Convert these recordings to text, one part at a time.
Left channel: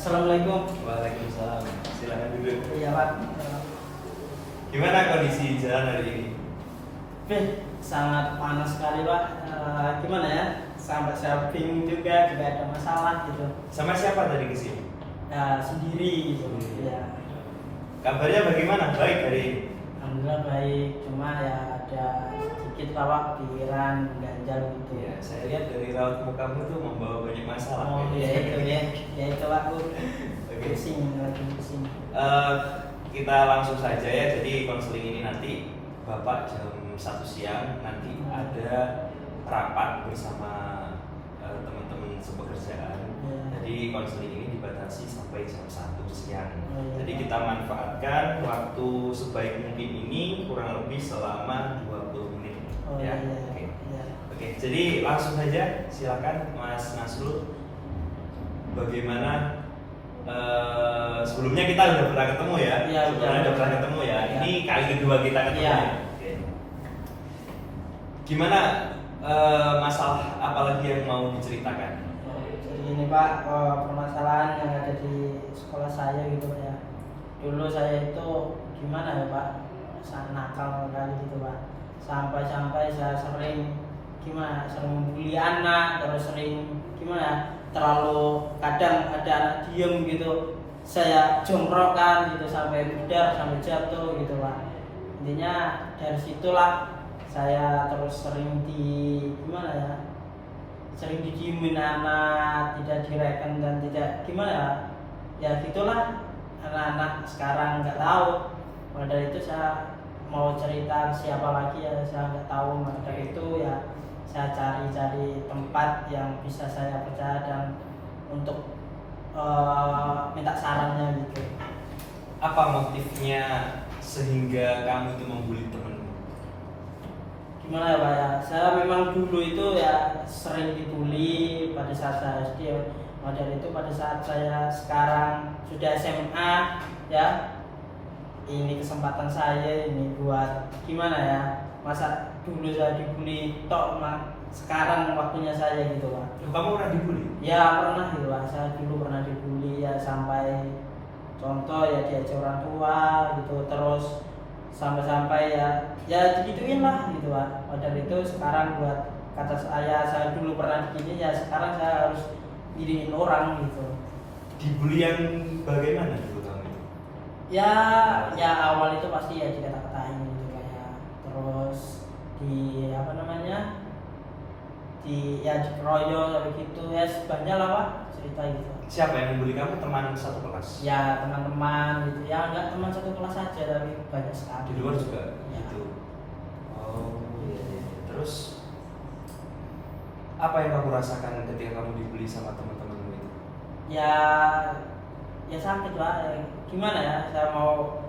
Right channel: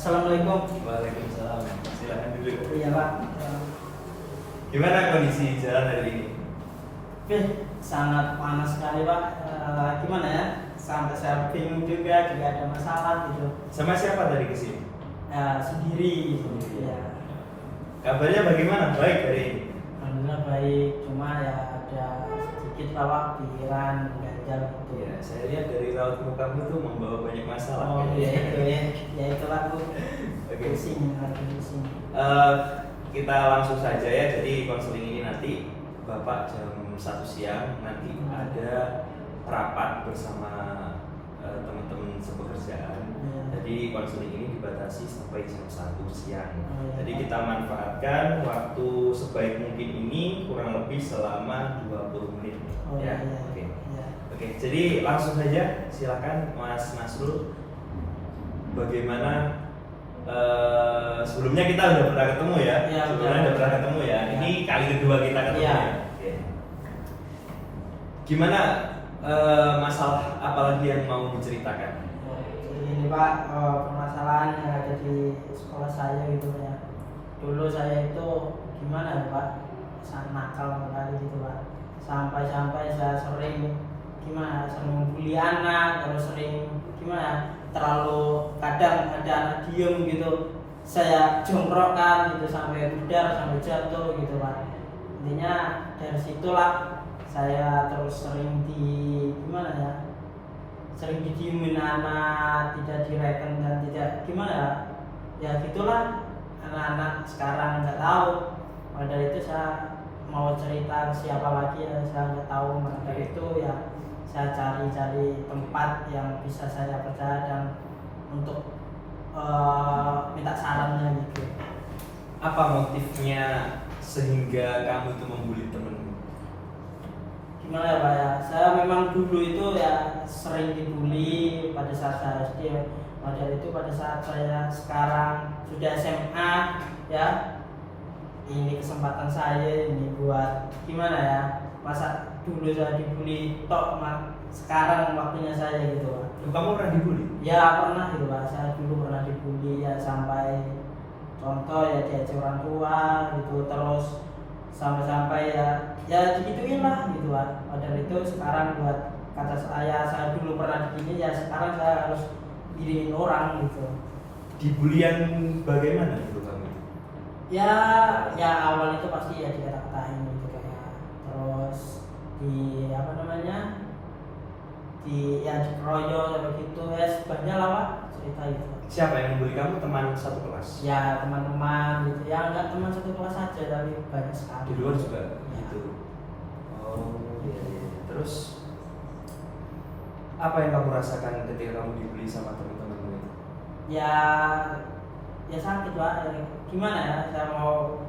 Assalamualaikum. Waalaikumsalam. Silakan duduk. Iya Pak. Gimana kondisi jalan hari ini? Sangat panas sekali Pak. Gimana ya? Sampai saya bingung juga ada masalah gitu. Sama siapa tadi kesini? Sendiri gitu. Sendiri. Ya. Kabarnya bagaimana? Baik hari ini? Alhamdulillah baik. Cuma ya ada sedikit Pak pikiran ganjal gitu. Ya, saya lihat dari raut mukamu tuh membawa banyak masalah. Oh iya itu ya. Ya itu aku Oke. pusing lagi pusing. Kita langsung saja ya. Jadi konseling ini nanti Bapak jam 1 siang nanti ada rapat bersama teman-teman sepekerjaan. Ya. Jadi konseling ini dibatasi sampai jam 1 siang. Oh, iya, Jadi Pak. kita manfaatkan waktu sebaik mungkin ini kurang lebih selama 20 menit. Oh Ya. iya. Oke. Iya. Oke, jadi langsung saja silakan Mas Nasrul. Bagaimana sebelumnya kita udah pernah ketemu ya? Iya, Sebelumnya udah pernah ketemu ya. Iya. Ini kali kedua kita ketemu. Iya. Ya? Oke. Gimana masalah apalagi yang mau diceritakan? Jadi ini Pak, permasalahan yang ada di sekolah saya gitu ya. Dulu saya itu gimana ya Pak, sangat nakal sekali gitu Pak. Sampai saya sering sering bully anak, terus sering terlalu kadang ada anak diem gitu, saya jongkrokkan gitu sampai budar, sampai jatuh gitu Pak. Intinya dari situlah saya terus sering sering didiemin anak, tidak direken dan tidak ya gitulah anak-anak sekarang nggak tahu. Pada itu saya mau cerita ke siapa lagi ya saya nggak tahu. Maka itu ya saya cari tempat yang bisa saya percaya dan untuk minta sarannya gitu. Apa motifnya sehingga kamu itu membuli temenmu? Gimana ya Pak ya, saya memang dulu itu ya sering dibully pada saat saya SD ya. Dari itu pada saat saya sekarang sudah SMA ya, ini kesempatan saya ini buat masa dulu saya dibully sekarang waktunya saya gitu Pak. Kamu pernah dibully? Ya pernah gitu Pak, saya dulu pernah dibully ya sampai contoh ya diajak orang tua gitu, terus sampai ya digituin lah gitu Pak. Padahal itu sekarang buat kata saya dulu pernah begini ya sekarang saya harus giniin orang gitu. Dibully yang bagaimana dulu kamu itu? Ya awal itu pasti ya dikata-katain gitu kayak, terus dikeroyok gitu ya, banyak lah Pak cerita gitu. Siapa yang membuli kamu? Teman satu kelas? Ya teman-teman gitu ya, enggak teman satu kelas saja tapi banyak sekali. Di luar juga Ya. gitu. Oh iya, iya. Terus apa yang kamu rasakan ketika kamu dibully sama teman-temanmu itu? Ya sakit Pak. Gimana ya, saya mau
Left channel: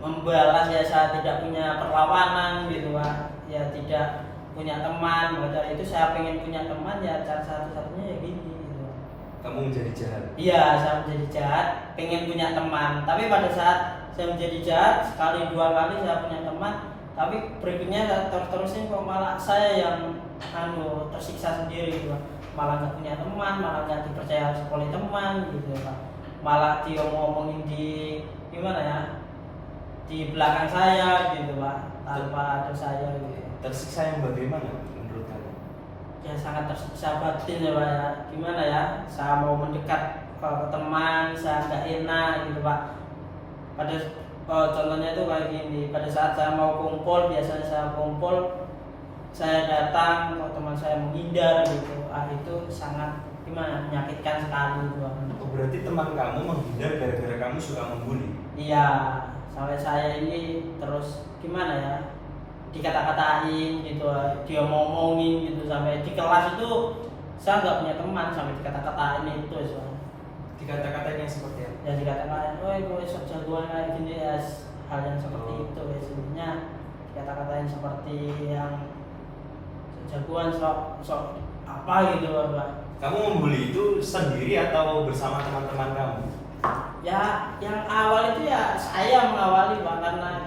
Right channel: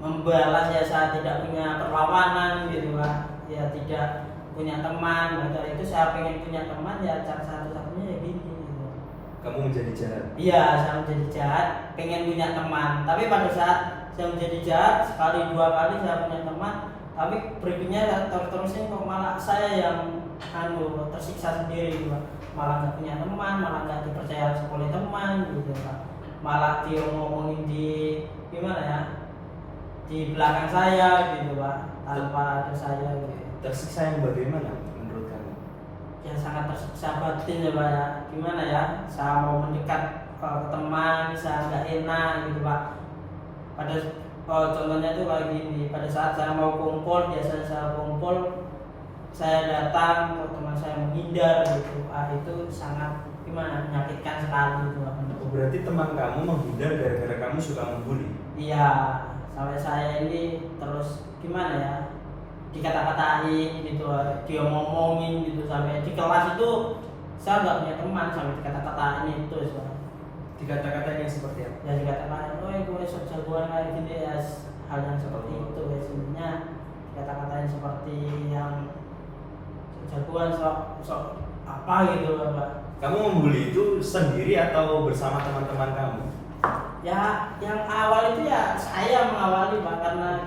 membalas ya saya tidak punya perlawanan gitu Pak. Ya tidak punya teman. Padahal itu saya pengen punya teman ya, cara satu-satunya ya gini gitu. Kamu menjadi jahat? Iya, saya menjadi jahat, pengen punya teman. Tapi pada saat saya menjadi jahat, sekali dua kali saya punya teman, tapi berikutnya terusnya kok malah saya yang tersiksa sendiri gitu Pak. Malah nggak punya teman, malah nggak dipercaya oleh teman gitu Pak. Malah dia ngomongin di belakang saya gitu Pak, tanpa ada saya gitu. Tersiksa yang bagaimana menurut kamu? Ya sangat tersiksa batin ya Pak ya. Gimana ya, saya mau mendekat ke teman, saya nggak enak gitu Pak. Contohnya tuh kayak gini, pada saat saya mau kumpul, biasanya saya kumpul, saya datang, teman saya menghindar gitu. Itu sangat menyakitkan sekali gitu Pak. Oh, berarti teman kamu menghindar gara-gara kamu suka membuli? Iya, sampai saya ini terus dikata-katain gitu, dia ngomongin gitu, sampai di kelas itu saya nggak punya teman, sampai dikata-katain itu soalnya. Dikata-katain yang seperti apa? Ya dikatakan, gue sok jagoan kayak gini ya, hal yang seperti itu ya. Sebenarnya dikata-katain seperti yang jagoan sok apa gitu Pak. Kamu membuli itu sendiri atau bersama teman-teman kamu? Ya yang awal itu ya saya mengawali Pak, karena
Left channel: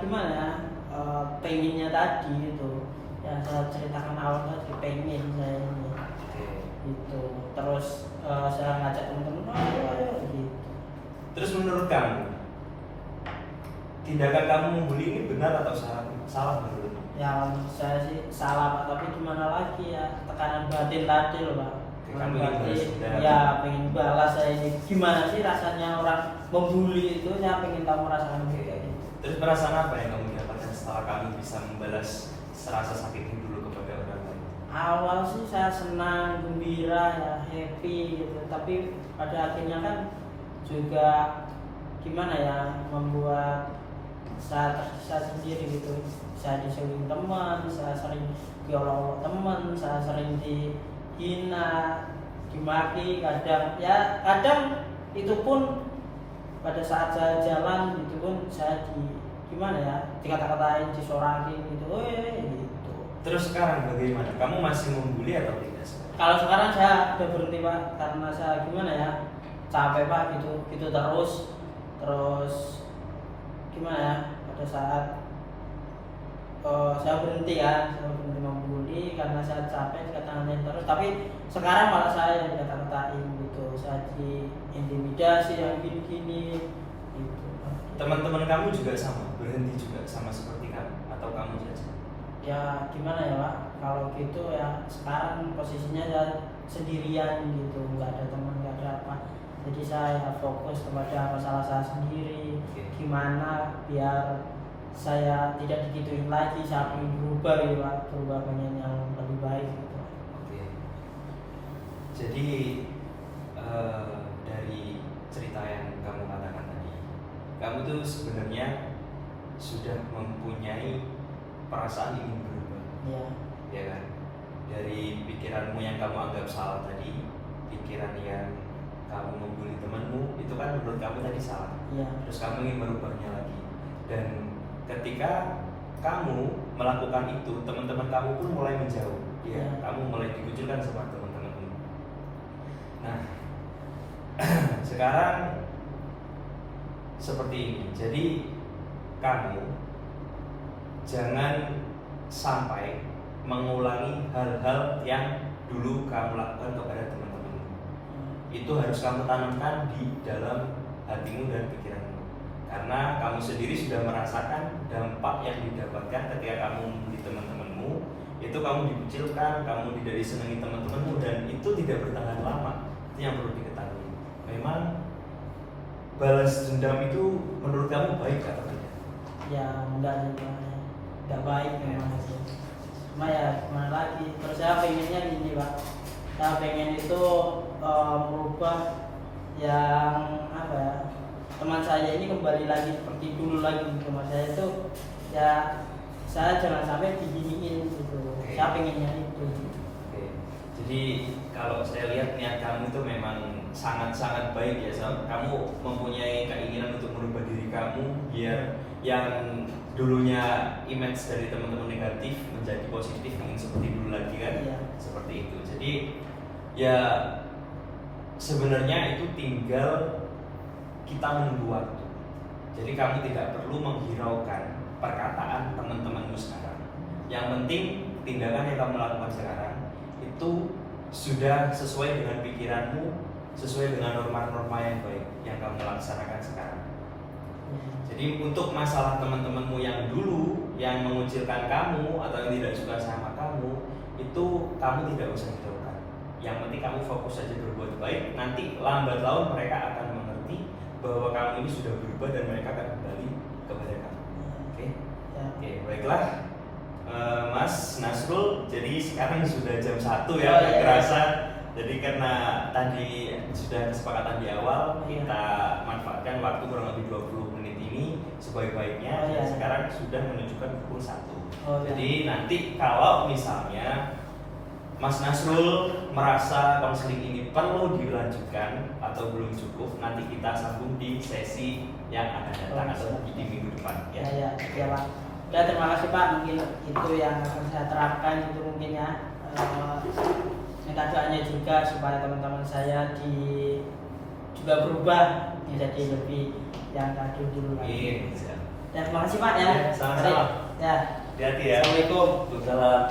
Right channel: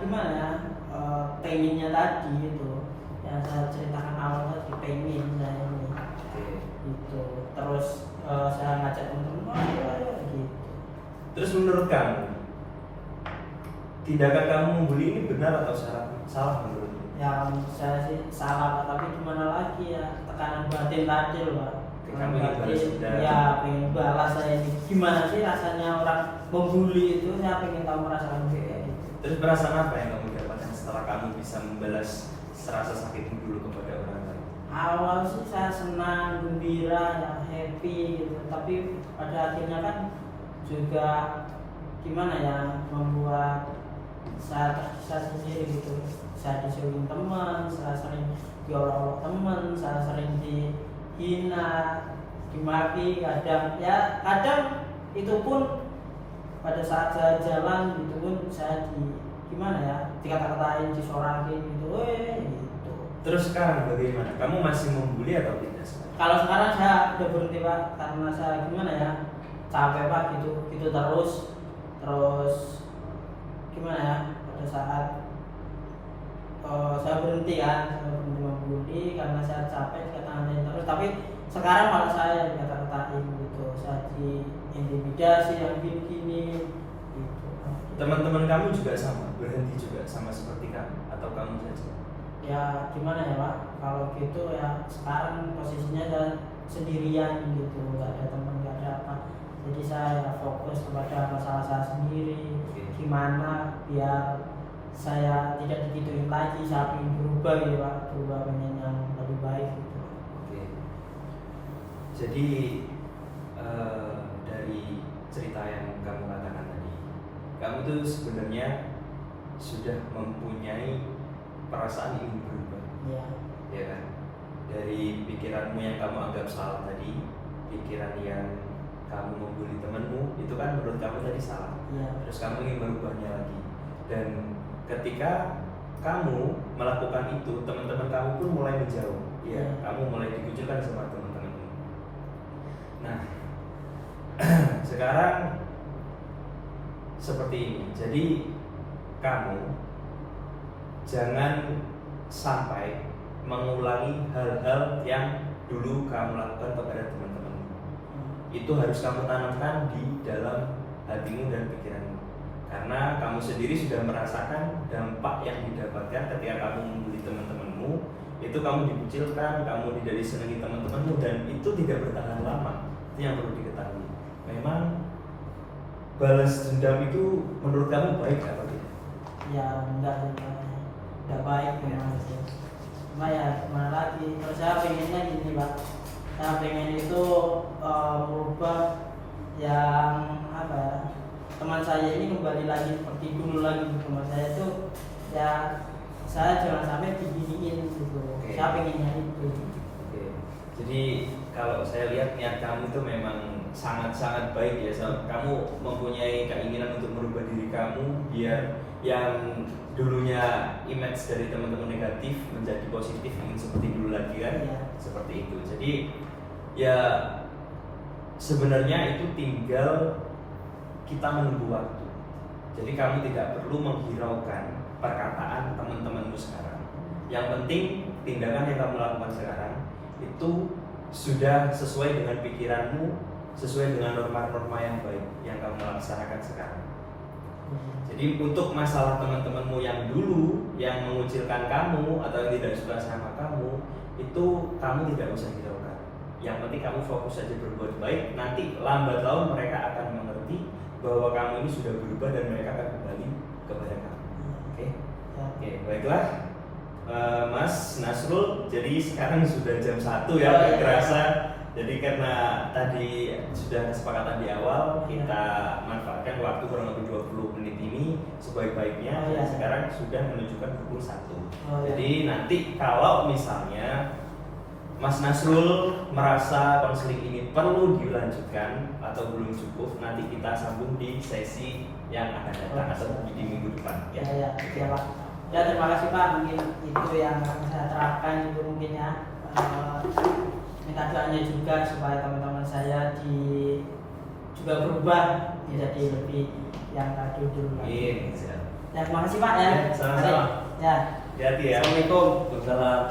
pengennya tadi gitu. Yang saya ceritakan awal tadi, pengen saya ini gitu. Terus saya ngajak teman-teman, ayo gitu. Terus menurut kamu, tindakan kamu membuli ini benar atau salah? Salah menurutmu? Ya menurut saya sih salah Pak, tapi gimana lagi ya, tekanan batin tadi loh Pak. Kamu ingin balas dendam. Ya pengen balas saya ini. Gimana sih rasanya orang membuli itu, saya pengen tahu merasakan kayak gitu. Terus perasaan apa yang kamu dapatkan setelah kamu bisa membalas rasa sakitmu dulu kepada orang lain? Awal sih saya senang, gembira, ya happy gitu, tapi pada akhirnya kan juga gimana ya, membuat saya tersiksa sendiri gitu. Saya disuruh teman, saya sering diolok-olok teman, saya sering dihina, dimaki, kadang itu pun pada saat saya jalan itu pun saya gimana ya, dikata-katain, disorakin gitu, gitu. Terus sekarang bagaimana? Kamu masih membuli atau tidak? Kalau sekarang saya udah berhenti Pak, karena saya gimana ya, capek Pak gitu terus gimana ya, pada saat saya berhenti membuli karena saya capek, saya tangannya terus. Tapi sekarang malah saya dikata-katain gitu, saya diintimidasi yang gini-gini gitu. Teman-teman kamu juga sama, berhenti juga sama seperti kamu atau kamu saja? Ya gimana ya Pak, kalau gitu ya sekarang posisinya saya sendirian gitu, nggak ada teman, nggak ada apa. Jadi saya fokus kepada masalah saya sendiri, gimana biar saya tidak digituin lagi, saya ingin berubah ya Pak, berubah pengen yang lebih baik gitu. Oke. Jadi dari cerita yang kamu katakan tadi, kamu tuh sebenarnya sudah mempunyai perasaan ingin berubah, Ya, ya kan? Dari pikiranmu yang kamu anggap salah tadi, pikiran yang kamu membuli temanmu, itu kan menurut kamu tadi salah. ya, Terus kamu ingin merubahnya lagi, dan ketika kamu melakukan itu, teman-teman kamu pun mulai menjauh, ya, Ya. kamu mulai dikucilkan sama teman-temanmu. Nah, sekarang seperti ini. Jadi kamu jangan sampai mengulangi hal-hal yang dulu kamu lakukan kepada teman-temanmu. Itu harus kamu tanamkan di dalam hatimu dan pikiranmu. Karena kamu sendiri sudah merasakan dampak yang didapatkan ketika kamu membuli teman-temanmu. Itu kamu dikucilkan, kamu tidak disenangi teman-temanmu, dan itu tidak bertahan lama. Itu yang perlu diketahui. Memang balas dendam itu menurut kamu baik atau tidak? ya enggak baik memang sih. Cuma ya gimana lagi, terus saya pengennya gini Pak, saya pengen itu merubah yang apa ya, teman saya ini kembali lagi seperti dulu lagi. Teman saya tuh ya saya jangan sampai diginiin gitu. Oke. Saya pengennya itu. Oke. Jadi kalau saya lihat niat kamu itu memang sangat-sangat baik ya. Kamu mempunyai keinginan untuk merubah diri kamu biar yang dulunya image dari teman-teman negatif menjadi positif, ingin seperti dulu lagi kan? Iya. Seperti itu. Jadi ya sebenarnya itu tinggal kita menunggu waktu. Jadi kamu tidak perlu menghiraukan perkataan teman-temanmu sekarang. Yang penting tindakan yang kamu lakukan sekarang itu sudah sesuai dengan pikiranmu, sesuai dengan norma-norma yang baik yang kamu laksanakan sekarang. Jadi untuk masalah teman-temanmu yang dulu yang mengucilkan kamu atau yang tidak suka sama kamu, itu kamu tidak usah hiraukan. Yang penting kamu fokus saja berbuat baik. Nanti lambat laun mereka akan mengerti bahwa kamu ini sudah berubah dan mereka akan kembali kepada kamu. Oke? Ya. Oke, baiklah. Mas Nasrul, jadi sekarang sudah jam 1 ya, Oh, gak iya. kerasa. Jadi karena tadi sudah kesepakatan di awal, Iya. kita manfaatkan waktu kurang lebih 20 menit ini sebaik-baiknya. Oh, iya. Dan sekarang sudah menunjukkan pukul 1. Oh, iya. Jadi nanti kalau misalnya Mas Nasrul merasa konseling ini perlu dilanjutkan atau belum cukup, nanti kita sambung di sesi yang akan datang atau di minggu depan. Ya Pak. Ya terima kasih Pak, mungkin itu yang akan saya terapkan itu mungkin ya. Minta doanya juga supaya teman-teman saya juga berubah menjadi lebih yang tadi dulu lagi. Amin. Ya terima kasih Pak ya. Ya, sama-sama. Ya. Hati-hati ya. Assalamualaikum. Waalaikumsalam.